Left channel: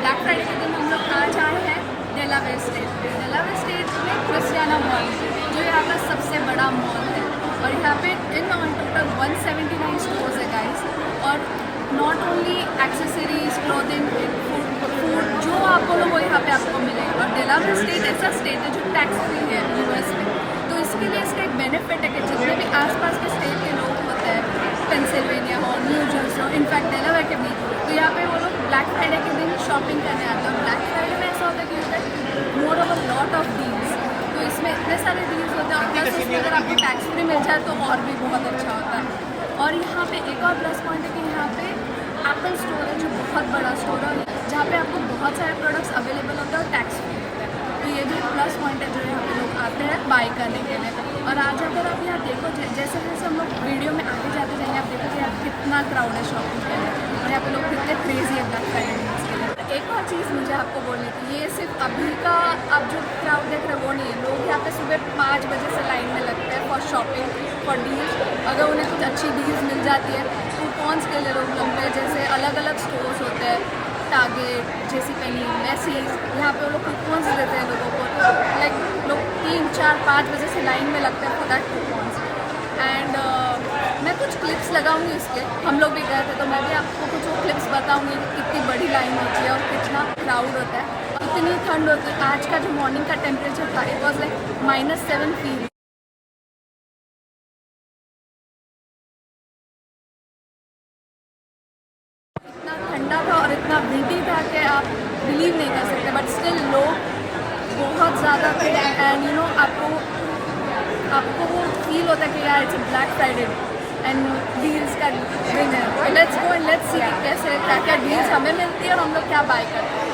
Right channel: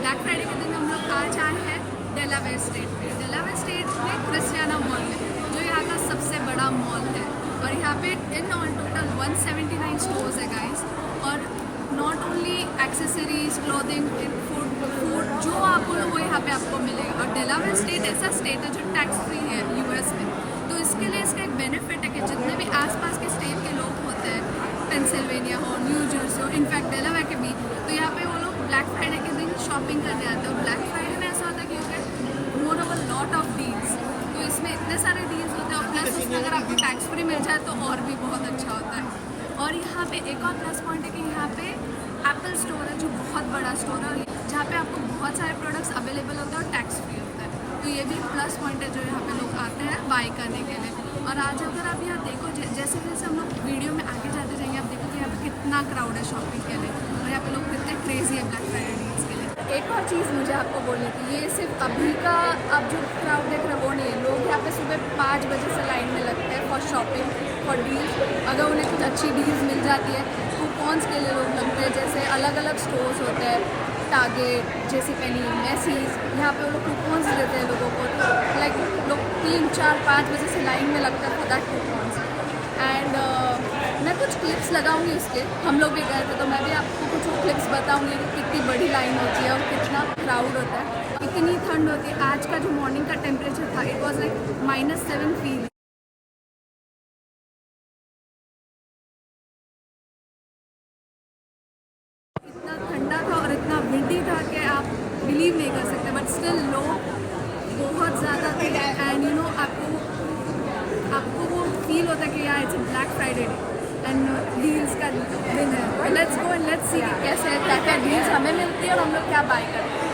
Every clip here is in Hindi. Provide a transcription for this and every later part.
ब्लैक फ्राइडे के दिन हम लोग आज आए हैं डेलावेयर स्टेट में। डेलावेयर स्टेट में क्रिस्टियाना मॉल जो यहाँ का सबसे बड़ा मॉल है और यहाँ पे इन ऑन टोटल 179 स्टोर्स है गाइस। और not only accessories, clothing, food जो आप बोलो वो यहाँ पे आपको मिलेगा। और डेलावेयर स्टेट ऐसा स्टेट है जो टैक्स फ्री है यूएस में, तो इसके लिए इसका एक बेनिफिट है कि जितने भी आसपास के स्टेट के लोग होते हैं, पेंसिल्वेनिया हो, न्यू जर्सी हो, इनफैक्ट डेलावेयर के बीच, तो यहाँ पे वो लोग ब्लैक फ्राइडे के दिन शॉपिंग करने आते हैं। और ब्लैक फ्राइडे में ऐसा होता है कि you get more of a lot of deals, तो इसमें इतने सारे डील्स होते हैं और प्लस उसमें अगर आपको टैक्स फ्री मिल जाए तो और भी बहुत अच्छा होता है। और यहाँ पे एक और प्लस पॉइंट है कि यहाँ पे एप्पल स्टोर है जो बहुत बड़ा स्टोर है जहाँ पे आपको बहुत सारे प्रोडक्ट्स अवेलेबल होते हैं और टैक्स फ्री होता है, तो ये भी एक प्लस पॉइंट है जो यहाँ पे लोग आते हैं बाई करने के लिए। और आज अगर आप यहाँ देखो जैसे जैसे हम लोग वीडियो में आगे जाते जाएंगे आप देखोगे यहाँ पे कितना क्राउड है शॉपिंग के लिए और यहाँ पे लोग कितने क्रेजी है ब्लैक फ्राइडे डील्स के लिए। एक और चीज़ मुझे आपको बोलनी थी, ये सिर्फ अभी का आप जो क्राउड देख रहे हो वो नहीं है। लोग यहाँ पे सुबह 5 बजे से लाइन में लगते हैं फॉर शॉपिंग, फॉर डील्स। अगर उन्हें कुछ अच्छी डील्स मिल जाती है, कूपन्स के लिए लोग लगते हैं, जैसे अलग अलग स्टोर्स होते हैं, टारगेट, जेसी पेनी, मैसीज, यहाँ पे वो लोग कूपन्स देते हैं लोगों को। तो लाइक लोग 3, 4, 5 बजे से लाइन में लगते हैं फॉर दैट कूपन्स। एंड मैं कुछ क्लिप्स लगाऊंगी उसके, हम लोग भी गए थे तो मैं भी आपको कुछ वो क्लिप्स बताऊंगी कि कितनी बड़ी लाइन होती है और कितना क्राउड होता है, इतनी ठंड होती है। आज का जो मॉर्निंग का टेम्परेचर था इट वॉज लाइक -7 फील। इतना ठंडा था और इतना विंडी था कि आप बिलीव नहीं कर सकते, बट स्टिल लोग बहुत ज़्यादा थे। एंड यू नो आपको वो फील होता है कि यार it's black Friday and deals का दिन है। Let's go and let's see कैसे क्या क्या डील्स हमें मिलती है और हम लोग क्या बाय करते हैं।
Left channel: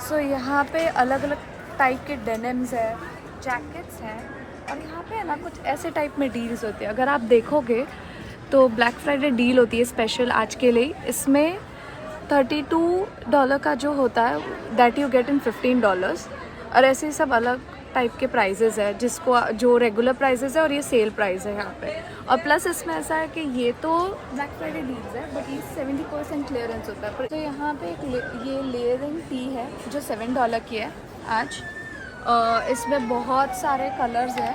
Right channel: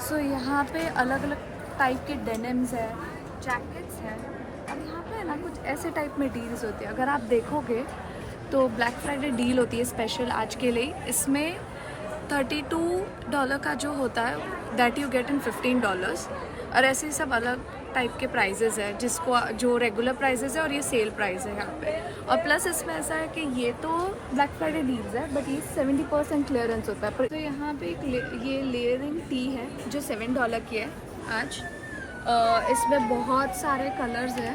सो यहाँ पे अलग अलग टाइप के डेनिम्स है, जैकेट्स हैं और यहाँ पे ना कुछ ऐसे टाइप में डील्स होती है। अगर आप देखोगे तो ब्लैक फ्राइडे डील होती है स्पेशल आज के लिए। इसमें $32 का जो होता है दैट यू गेट इन $15 और ऐसे सब अलग टाइप के प्राइजेस है, जिसको जो रेगुलर प्राइजेस है और ये सेल प्राइस है यहाँ पे। और प्लस इसमें ऐसा है कि ये तो ब्लैक फ्राइडे डील्स है बट ये 70% क्लियरेंस होता है। तो यहाँ पे ये लेयरिंग टी है जो $7 की है आज। इसमें बहुत सारे कलर्स है,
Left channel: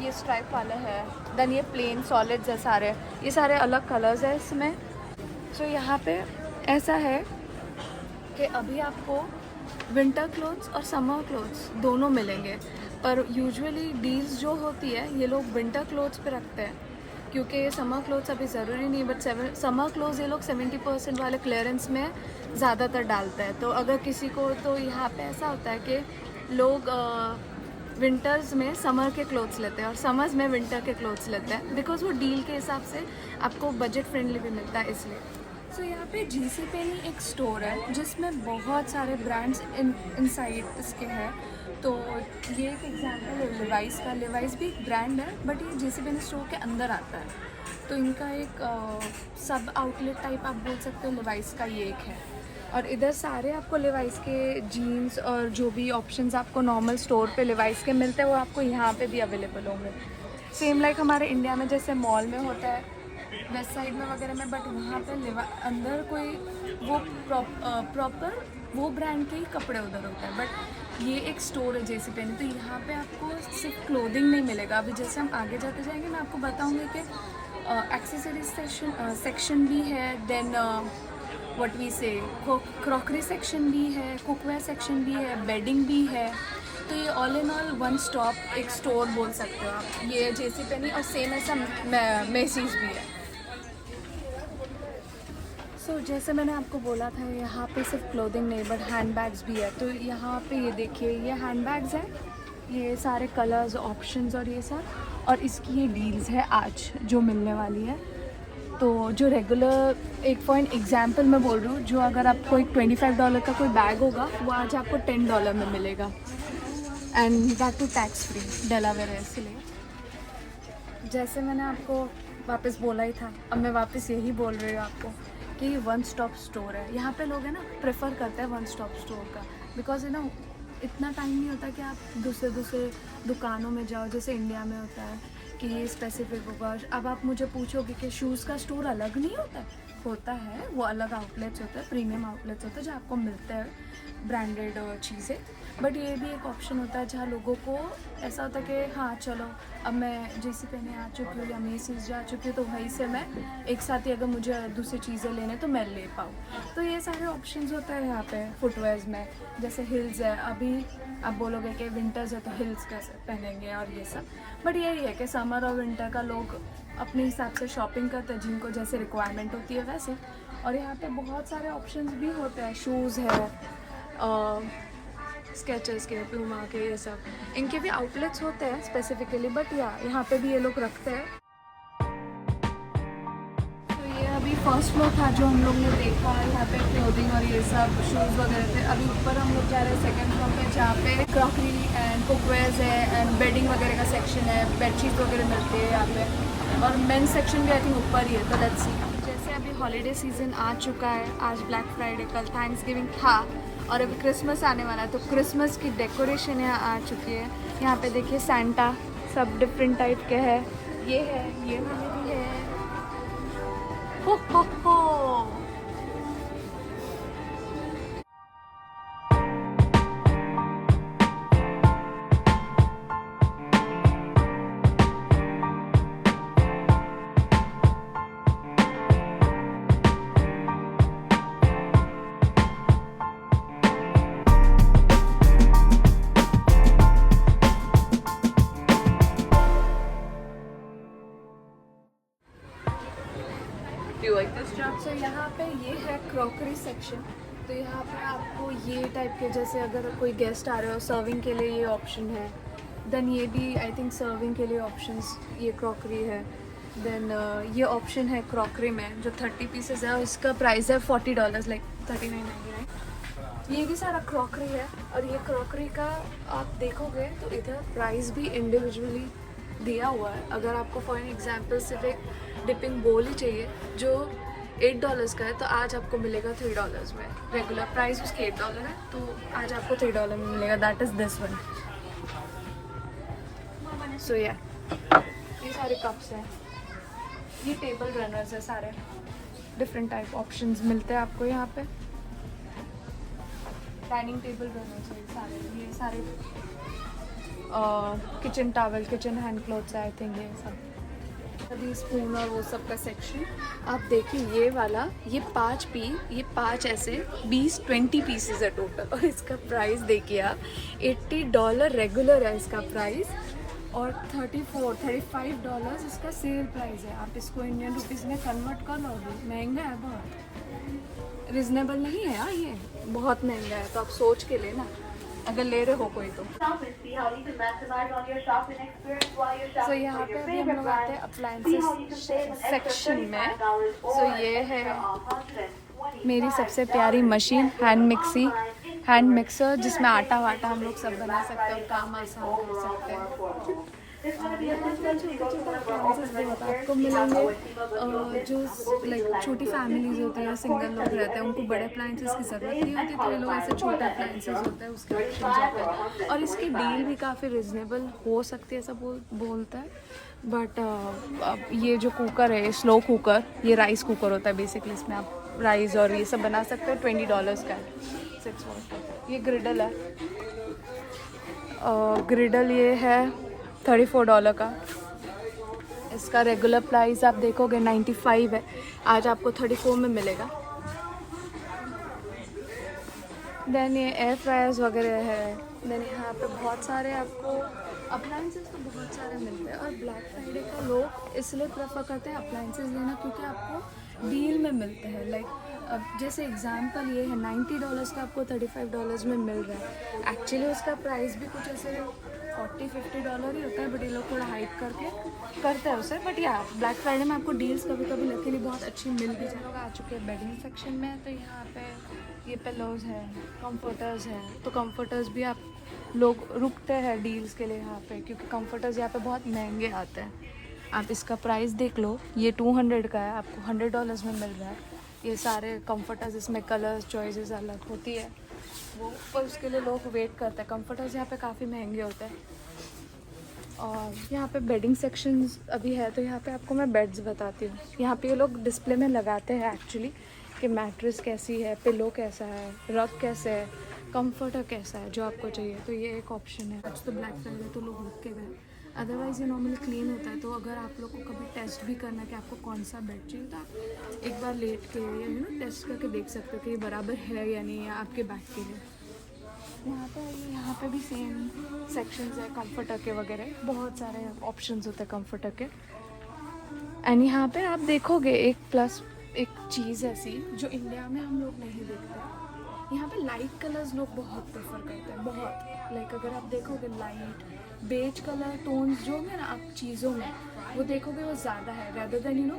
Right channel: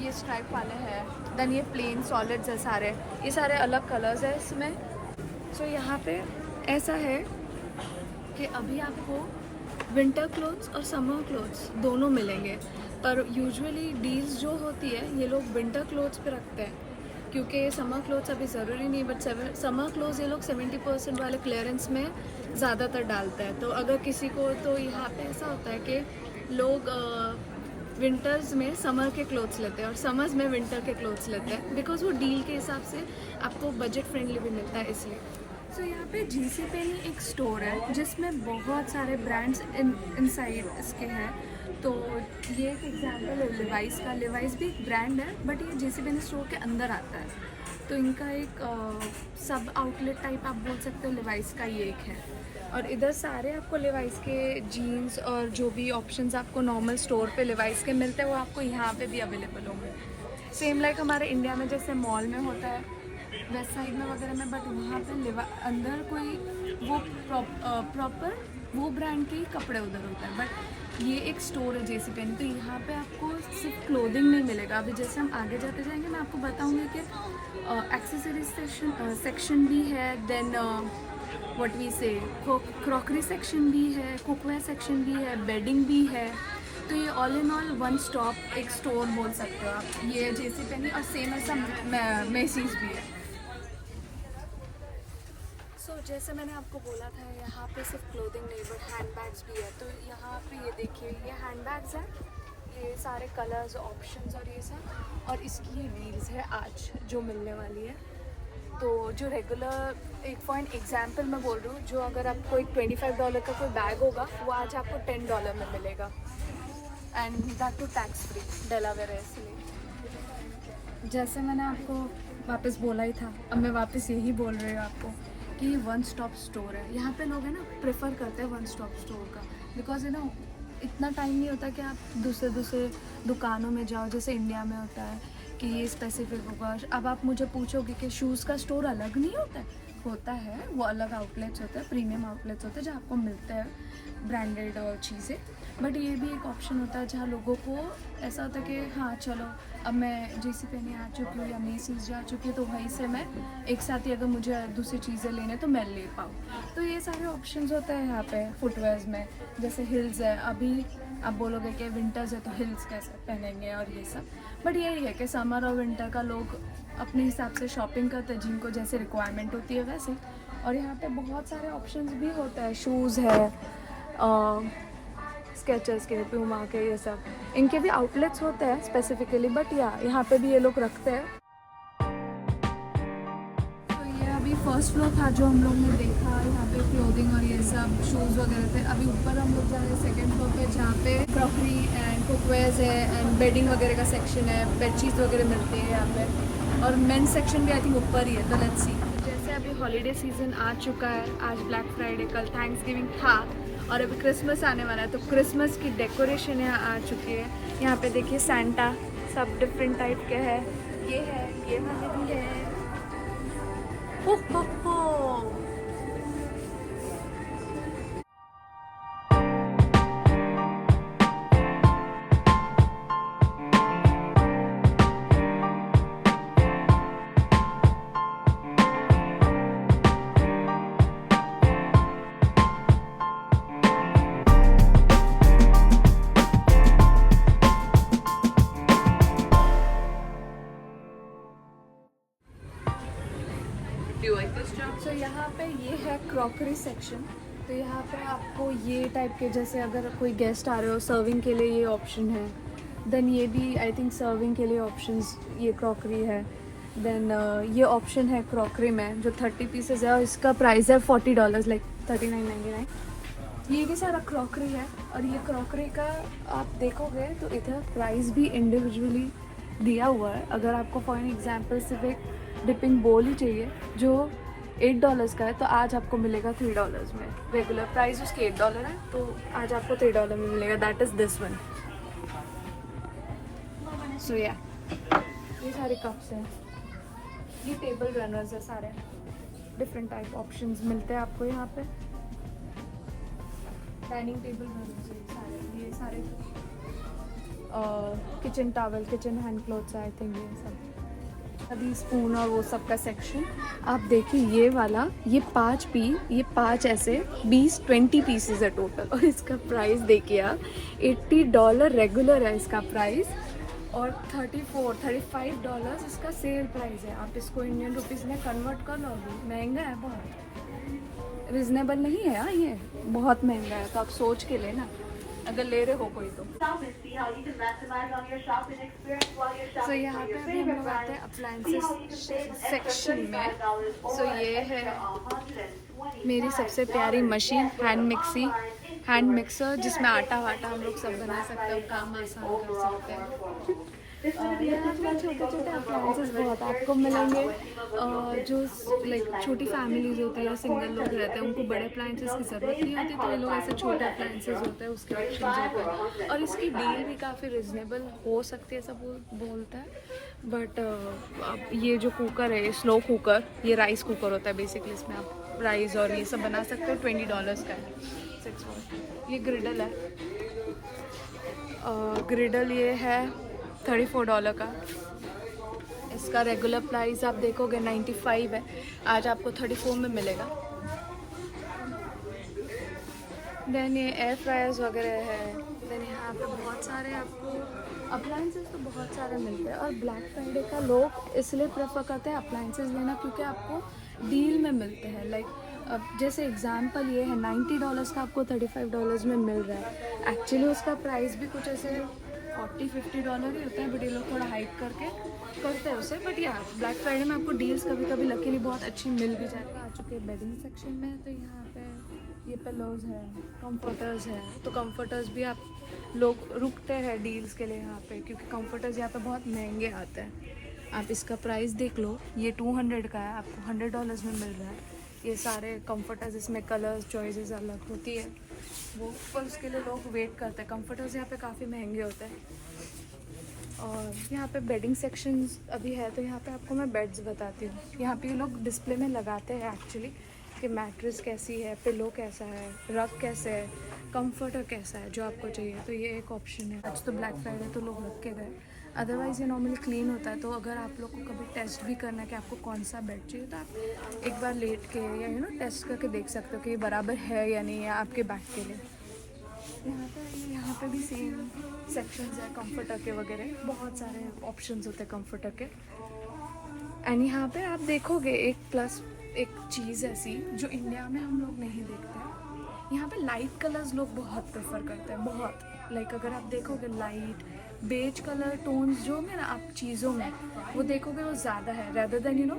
ये स्ट्राइप वाला है, देन ये प्लेन सॉलिड्स है सारे, ये सारे अलग कलर्स है इसमें। सो यहाँ पे ऐसा है कि अभी आपको विंटर क्लोथ्स और समर क्लोथ्स दोनों मिलेंगे, पर यूजुअली डील्स जो होती है ये लोग विंटर क्लोथ्स पे रखते हैं क्योंकि समर क्लोथ्स अभी ज़रूरी नहीं, बट समर क्लोथ्स ये लोग 70% वाले क्लियरेंस में ज़्यादातर डालते हैं। तो अगर किसी को, तो यहाँ पे ऐसा होता है कि लोग विंटर्स में समर के क्लोथ्स लेते हैं और समर्स में विंटर के क्लोथ्स लेते हैं बिकॉज वो डील के हिसाब से आपको बजट फ्रेंडली भी मिलता है इसलिए। सो यहाँ पे जीसी पेनी एक स्टोर है जिसमें बहुत सारे ब्रांड्स इनसाइड इसके हैं। तो ये एक एग्जांपल है लिवाइस का। लिवाइस भी एक ब्रांड है बट ये जीसी पेनी स्टोर के अंदर आता है, तो इनका एक सब आउटलेट टाइप आप बोल सकते हो लिवाइस का ये एक है। और इधर सारे आपको लिवाइस के जीन्स और जो भी ऑप्शंस आपको नॉर्मल स्टोर पे लिवाइस के मिलते हैं वो आपको यहाँ पे भी अवेलेबल होंगे। सेम लाइक हमारे इंडिया में जैसे मॉल में होता है वेस्ट साइड में वगैरह में, बट वहाँ पे अंदर कोई वो प्रॉपर वो ब्रांड के ही कपड़े उधर होता है। बट ये एक स्टोर है जेसी पेनी, तो यहाँ पे आपको सिर्फ क्लोथिंग नहीं मिलेगा। अभी जैसे हम आगे जाते जाएंगे मैं आपको बताऊँगी कि एक्सेसरीज सेक्शन भी है, देन व्हाट वी से क्रॉकरी सेक्शन भी है, कुकवेयर सेक्शन भी है, बेडिंग भी है। तो ये all in all one stop एक स्टोर बोल सकते हो आप, ये जेसी पेनी। और सेम ऐसा मैसीज भी है। सो जैसे मैंने आपको बोला था यहाँ पे सिर्फ क्लोथिंग नहीं बट हैंड बैग्स भी है। तो यहाँ पे ये देखिए ये हैंड बैग्स हैं, ये सारे कलर्स ऑप्शंस और ये सब, और इसकी ये डील्स है आज जो मिलने वाली है। तो जो रेगुलर एक पॉइंट एग्जाम्पल मैं बोल रही हूँ, जो अगर आपको एक $25 का कोई बैग होगा वो आज आपको $10 में मिलेगा and that too tax free Delaware है। इसलिए जैसे मैंने आपको वापस बोला ही था, अब मैं वापस यही बोल रही हूँ आपको कि वन स्टॉप स्टोर है। यहाँ पे लोग है ना प्रेफर करते हैं वन स्टॉप स्टोर का, बिकॉज है ना इतना टाइम नहीं होता कि आप दूसरे दूसरे दुकानों में जाओ, जैसे इंडिया में होता है कि ये स्पेसिफिक होगा। अब आप मुझे पूछोगे कि शूज़ का स्टोर अलग नहीं होता है, वो अलग आउटलेट्स होते हैं, प्रीमियम आउटलेट्स होते हैं जहाँ आपको मिलते हैं ब्रांडेड चीज़ें। बट ये भी एक ऑप्शन होता है जहाँ लोगों को ऐसा होता है कि हाँ चलो अब मैं JC Penney आ चुकी हूँ या मेसीज जा चुकी हूँ, तो वहीं से मैं एक साथ ही अगर मुझे दूसरी चीज़ें लेने तो मैं ले पाऊँ। तो ये सारे ऑप्शंस होते हैं यहाँ पे फुटवेयर्स में। जैसे हिल्स है, अभी आप बोलोगे कि विंटर्स है तो हिल्स कैसे पहनेंगे और ये सब, बट यही है कि समर और विंटर का लोग अपने हिसाब से शॉपिंग करते हैं, जिनको जैसे रिक्वायरमेंट होती है वैसे। और यहाँ पे बहुत सारे ऑप्शंस भी होते हैं, शूज़ है, स्केचर्स के, प्यूमा के, ये सब इनके भी आउटलेट्स होते हैं स्पेसिफिकली, बट यहाँ पे भी ये लोग रखते हैं। तो ये अभी फर्स्ट फ्लोर था जो हम लोग ने देखा, यहाँ पे क्लोथिंग और ये सब शूज़ वगैरह थे। अभी ऊपर हम लोग जा रहे हैं सेकेंड फ्लोर पे, जहाँ पे क्रॉकरी एंड कुकवेयर्स है एंड बेडिंग वगैरह का सेक्शन है, बेडशीट वगैरह मिलती है यहाँ पे। और मेन सेक्शन भी आई थिंक ऊपर ही है, तो लेट्स सी। जैसे अभी हॉलीडे सीजन आ चुका है, आज ब्लैक फ्राइडे, कल थैंक्सगिविंग था और अभी क्रिसमस आने वाला है, तो क्रिसमस की डेकोरेशन यहाँ आ चुकी है। यहाँ पे देखिए सैंटा सब डिफरेंट टाइप के हैं, ये है, ये भी है। हो हो हो। तो यहाँ पे ये है क्रॉकरी सेक्शन। तो यहाँ पे आपको ये टाइप के, जैसे अगर कोई गेस्ट आ रहे हो सर्विंग के लिए ये ऑप्शन है। देन ये भी आई थिंक सर्विंग के लिए ऑप्शंस, ये क्रॉकरी है। देन ये ऑप्शन है क्रॉकरी में जो 30 पीसेज है, इसका प्राइस है $40, लाइक $39.99। ये भी सारा क्रॉकरी है। और ये क्रॉकरी का आप देखोगे तो इधर प्राइस भी इंडिविजुअली दिया हुआ है। अगर आपको फॉर एग्जाम्पल सिर्फ एक डिपिंग बोल ही चाहिए जो $8 का है, तो आज आपको मिलेगा $3 में। रेगुलर प्राइस उसके $8 है, तो आज आपको $3 में मिलेगा। That is this one. So या ये सारे कप्स हैं, ये टेबल रनर्स है, सारे डिफरेंट टाइप ऑप्शंस मिलते हैं आपको यहाँ पे। डाइनिंग टेबल रनर्स है सारे, ये सारे kitchen towel, kitchen hand clothes है आई थिंक, ये सब। अभी स्पून और वो सब का सेक्शन आप देखिए, ये वाला, ये 5 ऐसे 20 पीसेस है टोटल। और इसका प्राइस देखिए आप, $80 रेगुलर है इसका प्राइस, और $35 इसका सेल प्राइस है। आप इसको इंडियन रुपीज़ में कन्वर्ट कर लोगे, महंगा है बहुत, रिजनेबल नहीं है यार, ये बहुत महंगा है। तो आप सोच के लेना अगर ले रहे हो कोई तो। सो यहाँ पे अभी हम लोग आते हैं अप्लायंसेस सेक्शन में। सो ये है मेरी सबसे प्यारी मशीन, हैंड मिक्सर, जिसमें आटा वाटा हम लोग सब बना सकते हैं, काम आसान कर सकते हैं। छोटे अप्लायंसेस बहुत आपको मिलेंगे। जो लाइक छोटी फैमिलीज होती है, सिंगल लोग रहते हैं, उनको बड़े अप्लायंसेस की ज़रूरत नहीं होती, तो ये लोग ऐसे छोटे अप्लायंसेस होते हैं उसके ऑप्शन होते हैं। और इसकी डील भी काफ़ी रिजनेबल हो सकती है, सब बोलते हैं। बट अब ये जो कुकर है, स्लो कुकर, ये राइस कुकर होता है बेसिकली, इसमें आप राइस और ये सब बना सकते हैं। $20 का 6 ये ग्रिडल है, ग्रिडल ये है $34 का। इसका रेगुलर प्राइस आप देखोगे 95 है, आज आपको 34 में मिलेगा। देन ये एयर फ्रायर्स वगैरह है। देन यहाँ पे बहुत सारे आपको अप्लायंसेस तो बहुत सारे मिलते हैं। और ब्लैक फ्राइडे का लोग इसलिए प्रेफर करते हैं अप्लायंसेस लेना, क्योंकि आपको डील में मिलते हैं। लाइक अब जैसे एग्जांपल ये है, $90 का आपको $35 में मिल रहा है। एक्चुअली उसका प्राइस भी कुछ ऐसे $40-50 ही होता है, बट ये लोग थोड़ा हाइक करके करते हैं उसे। बट यार ब्लैक फ्राइडे में आपको डील्स कभी कभी लकीली बहुत अच्छी मिल भी जाती है। आ चुके हैं बेडिंग सेक्शन में, तो यहाँ पे ये पिलोज हैं, कंफर्टर्स हैं। तो कंफर्टर्स भी आप लोग रुकते हैं डील्स के लिए यहाँ पे, क्योंकि कंफर्टर्स यहाँ पे बहुत महंगे आते हैं। आप इसका प्राइस देख लो, ये 200 का है, आपको $100 में मिल रहा है। ये सारे कंफर्टर्स, इसमें कलर्स चॉइसेस अलग होती है वो, पर उसके लिए लोग वेट करते हैं। कंफर्टर्स यहाँ पे काफ़ी महंगे होते हैं। और यहाँ पे बेडिंग सेक्शंस अभी है, तो यहाँ पे आपको मैं बेड्स बताती हूँ। यहाँ पे ये लोग डिस्प्ले में लगाते हैं एक्चुअली कि मैट्रेस कैसी है, पिलो कैसा है, रग कैसे है, कंफर्टर कैसा है, जो आपको चाहिए। तो ये एक ऑप्शन है। आज तो ब्लैक फ्राइडे तो लोग रख के गए, अदरवाइज़ ये नॉर्मली क्लीन होता है। तो अगर आप लोग को कभी टेस्ट भी करना है कि आपको कौन सा बेड चाहिए, तो आप एक बार लेट के या टेस्ट करके देख सकते हो कि ये बराबर है या नहीं है आपके बैक के लिए। यहाँ पे भी सेम सेक्शंस है कंफर्टर के वगैरह, बहुत सारे ऑप्शंस होते हैं कंफर्टर के। एंड यहाँ पे आप देखोगे एक चीज़ ऐसी जो इंडिया में हम लोग नहीं देखते हैं। यहाँ पे लाइट कलर्स लोग बहुत प्रेफर करते हैं, बहुत। लाइक अगर आप देखोगे लाइट बेज कलर टोन्स जो है ना आप चीज़ों में वो देखोगे वो ज़्यादा है, रेदर देन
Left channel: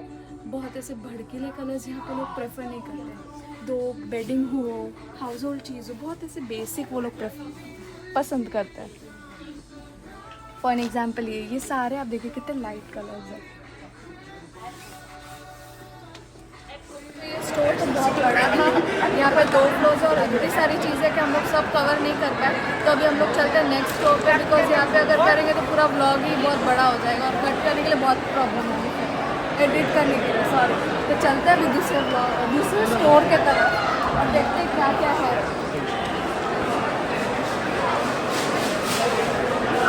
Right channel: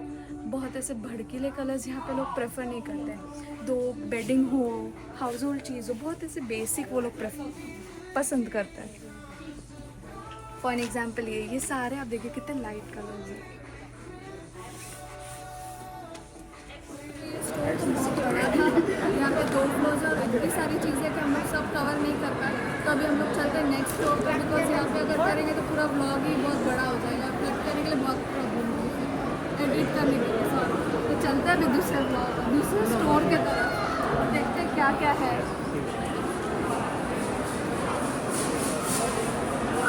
बहुत ऐसे भड़कीले कलर्स यहाँ पे लोग प्रेफर नहीं करते हैं। दो बेडिंग हो, हाउस होल्ड चीज़ हो, बहुत ऐसे बेसिक वो लोग पसंद करते हैं। फॉर एग्जाम्पल ये सारे आप देखिए कितने लाइट कलर्स हैं। स्टोर तो बहुत बड़ा था, यहाँ पे 2 फ्लोर्स और इतनी सारी चीज़ें कि हम लोग सब कवर नहीं कर पाए। तो अभी हम लोग चलते हैं नेक्स्ट फ्लोर पे, बिकॉज यहाँ पे अगर करेंगे तो पूरा व्लॉग ही बहुत बड़ा हो जाएगा और कट करने के लिए बहुत प्रॉब्लम होगी, एडिट करने के लिए, सॉरी। तो चलते हैं अभी दूसरे स्टोर के तरफ और देखते हैं क्या क्या है।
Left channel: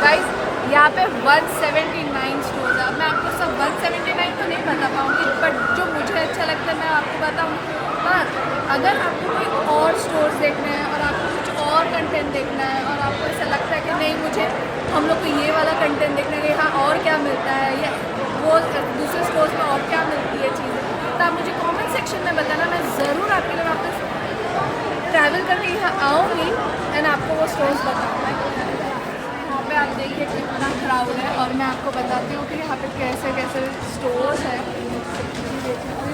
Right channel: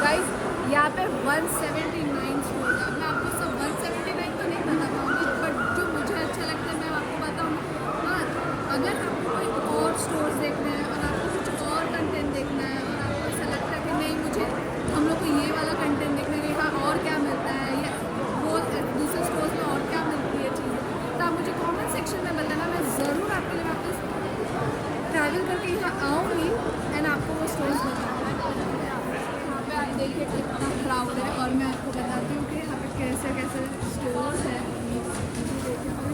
गाइस यहाँ पे 179 स्टोर है। मैं आपको सब 179 तो नहीं बता पाऊँगी, बट जो मुझे अच्छा लगता है मैं आपको बताऊँगी। पर अगर आपको कोई और स्टोर्स देखने हैं और आपको कुछ और कंटेंट देखना है और आपको ऐसा लगता है कि नहीं मुझे हम लोग को ये वाला कंटेंट देखना है कि यहाँ और क्या मिलता है या वो दूसरे स्टोर्स में और क्या मिलती है चीज़ें, तो आप मुझे कमेंट सेक्शन में बताना। मैं ज़रूर आपके लिए वापस ट्रैवल करके यहाँ आऊँगी एंड आपको वो स्टोर्स बताऊँगा। यहाँ पे आप देखिए कितना क्राउड है और मैं आपको बताती हूँ कि यहाँ पे कैसे कैसे स्टोर्स है।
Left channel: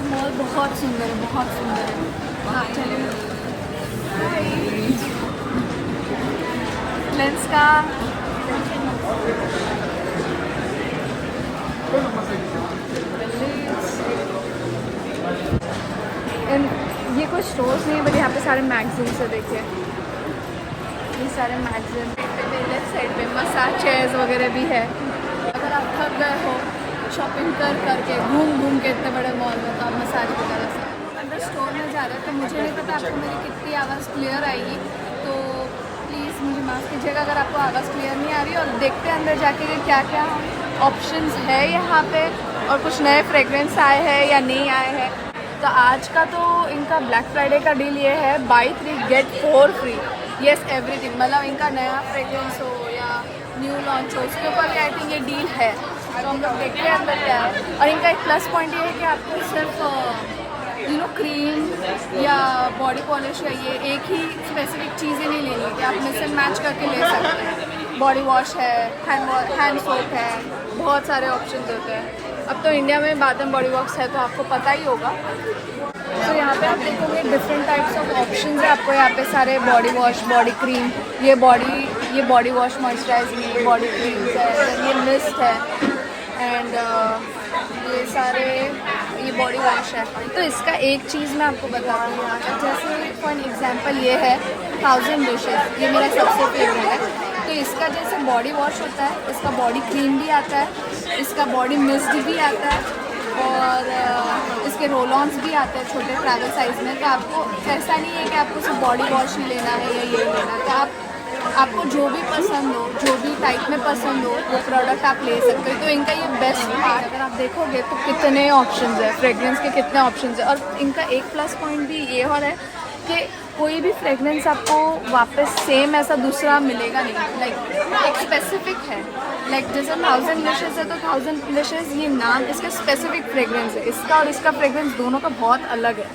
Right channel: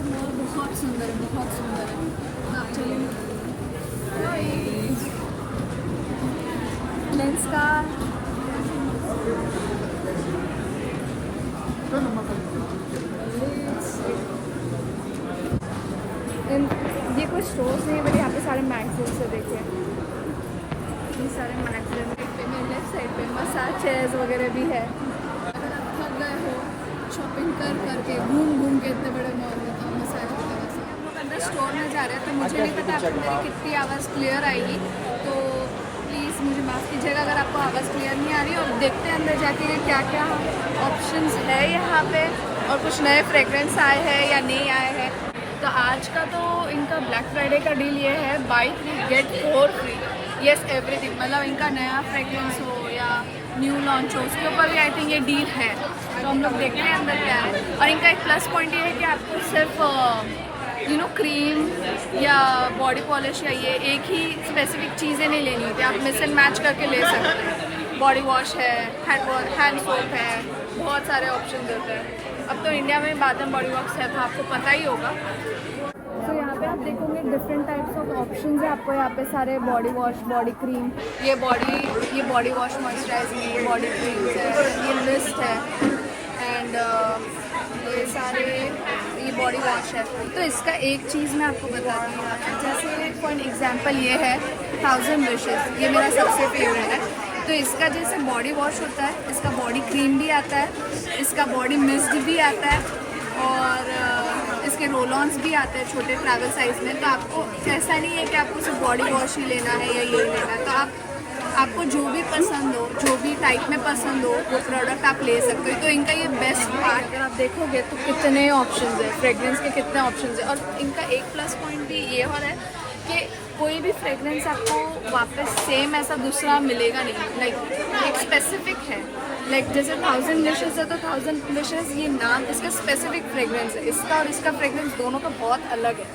मॉल बहुत सुंदर है, बहुत सुंदर है। आप चलिए लेंस का एंड ये कुछ स्टोर्स नहीं बट यहाँ पे सारे मैगजीन्स है। देखिए ये सारे मैगजीन, साइड में मसाज चेयर्स वगैरह भी है। अगर आप थक गए हो शॉपिंग करके घूम के इतने बड़े मॉल में, तो आप मसाज वगैरह से हम लोग अंदर स्टोर में जा रहे हैं। तो मुझे नहीं पता आपको मेरी कितनी आवाज़ क्लियर आएगी, तो प्लीज़ मुझे माफ़ कीजिएगा अगर आपको आवाज़ क्लियर नहीं आ रही। और देखते हैं अंदर जाके कि क्या क्या ऑप्शंस है यहाँ पे और कुछ नए फ्रेगरेंस आए हैं या नहीं आए हैं। तो आज का तो इनका ब्लैक फ्राइडे का डील ये है, buy 3 get 4 free. Yes everything, मतलब इनका नया फ्रेगरेंस हो या न्यू लॉन्च हो उसके ऊपर आई थिंक ये डील है। तो हम लोग देखते हैं अंदर क्या है। और इनका एक प्लस पॉइंट ये है कि आपको सिर्फ क्रीम या बॉडी पॉलिश या ये एक ही स्पेसिफिक चीज़ें नहीं लेनी होती, आप मिक्स एंड मैच करके ले सकते हैं। बॉडी वॉश है, हैंड सोप है, बहुत सारे ऑप्शन होते हैं। अब तो इंडिया में बाथ एंड बॉडी वॉश है तो आपको पता ही होगा। तो यहाँ पे आप देखोगे डिफरेंट टाइप्स ऑफ ऑप्शंस है आपको। यहाँ पे सारे बॉडी वॉश, बॉडी क्रीम, ये बॉडी वॉश मॉइस्चराइजर, ये बॉडी क्रीम है, ये मिस्ट है एंड ये सारे ये बॉडी वॉश है। तो इसका एक चीज़ मैं आपको बताती हूँ, जैसे फॉर एग्जांपल ये है 1000 विशेस, ये मेरा सबसे फेवरेट है। तो इसका जैसे बॉडी वॉश होता है, इसका बॉडी क्रीम भी आता है, इसका बॉडी मिस्ट भी आता है और इसके रोल ऑन्स भी आते हैं छोटे ट्रैवल साइज़ में। तो आपको ऐसा नहीं है कि आपको सिर्फ बॉडी वॉश ही लेना है या ये लेना है, तो आपको जो भी पसंद हो, जो भी टाइप में पसंद हो वो प्रोडक्ट आप ले सकते हो। तो इनका ये बेस्ट पार्ट अगर आप देखोगे तो कितने ऑप्शंस है, फ्रेगरेंस के कितने ऑप्शंस है। और इनका एक प्लस पॉइंट भी ये हो रहा है कि कोई भी फ्रेगरेंस आपको वापस सेम ऐसा दूसरा मिलेगा नहीं, लाइक एक स्पेसिफिक है। लाइक जैसे 1000 विशेस है तो 1000 विशेस ये नाम इसका स्पेसिफिक फ्रेगरेंस है, इसका और इसका फ्रेगरेंस दोनों का बहुत अलग है।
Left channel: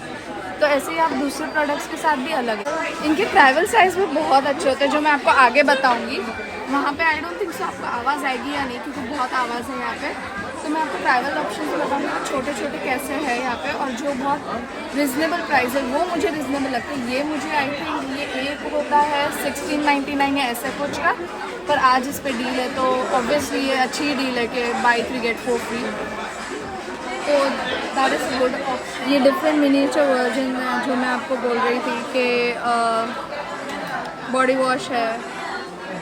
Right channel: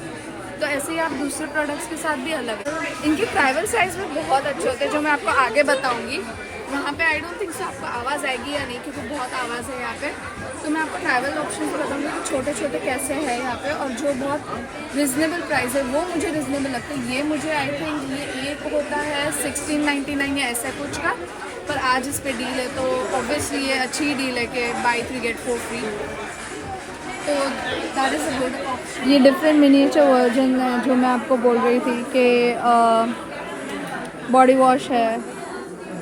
तो ऐसे ही आप दूसरे प्रोडक्ट्स के साथ भी अलग है। इनके ट्रैवल साइज़ भी बहुत अच्छे होते हैं जो मैं आपको आगे बताऊंगी। वहाँ पे आई डोंट थिंक सो आपको आवाज़ आएगी या नहीं, क्योंकि बहुत आवाज़ है यहाँ पे। तो मैं आपको ट्रैवल ऑप्शन बताऊंगी कि छोटे छोटे कैसे है यहाँ पे और जो बहुत रिजनेबल प्राइस है वो मुझे रिजनेबल लगता है। ये मुझे आई थिंक ये एक होता है 1699 या ऐसे कुछ का, पर आज इस पर डील है तो ऑब्वियसली ये अच्छी डील है कि बाई 3 गेट 4 फ्री। तो that is a good option. ये डिफरेंट मिनिएचर वर्जन है जो मैं आपको बोल रही थी कि बॉडी वॉश है,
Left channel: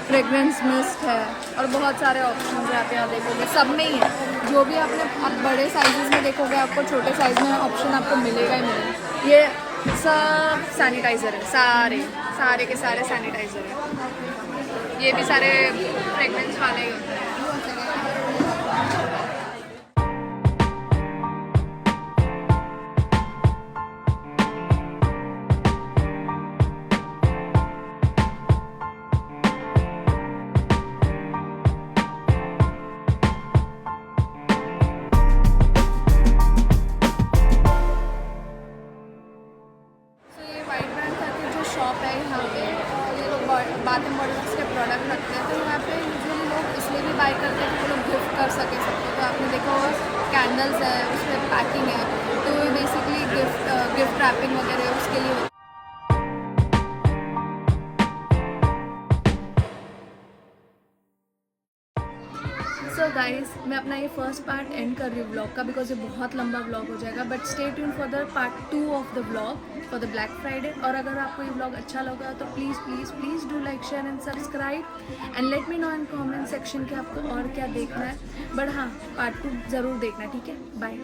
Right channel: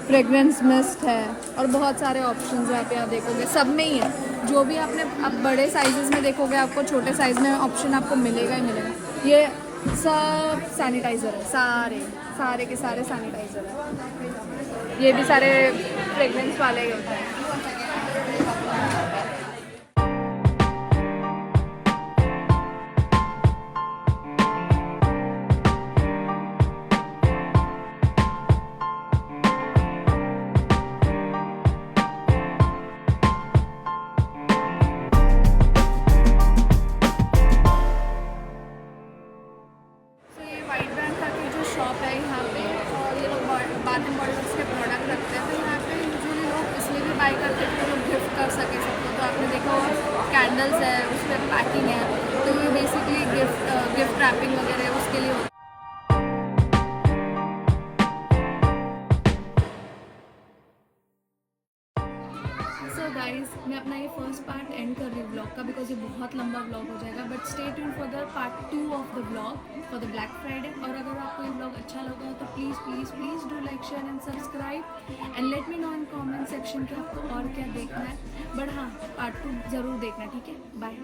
फ्रेगरेंस मिस्ट है और बहुत सारे ऑप्शन हैं आप यहाँ देखोगे, सब में ही है। जो भी आपने आप बड़े साइजेस में देखोगे आपको छोटे साइज में ऑप्शन आपको मिलेगा ही मिलेगा। ये सब सैनिटाइज़र है, सारे के सारे सैनिटाइज़र है। ये भी सारे फ्रेगरेंस वाले ही होते हैं। वाइट ब्रांड करके जो शॉप है यहाँ पे, और ये लोग बाथ एंड बॉडी वर्क्स के प्रोडक्ट रखते हैं। तो यहाँ पे यूजुअली लोग इसलिए भी बाई करते हैं कि वो लोग गिफ्ट कर सके सबको। तो आपने देखा होगा कैंडल्स है, उसमें पैकिंग है, तो ये बेसिकली गिफ्ट रैपिंग वगैरह उसके लिए होता है। सो गाइज, मैं अपना ये फर्स्ट पार्ट एंड कर रही हूँ ब्लॉग का, बिकॉज ये बहुत लंबा ब्लॉग हो जाएगा। But stay tune for the part 2 of the blog for the black Friday. और अगर आपको ये ब्लॉग अच्छा लगा तो please please please do like share and subscribe and let me know in comment section कि आपको और क्या देखना है। बट हाँ, पार्ट 2 ज़रूर देखना, ठीक है? बाय।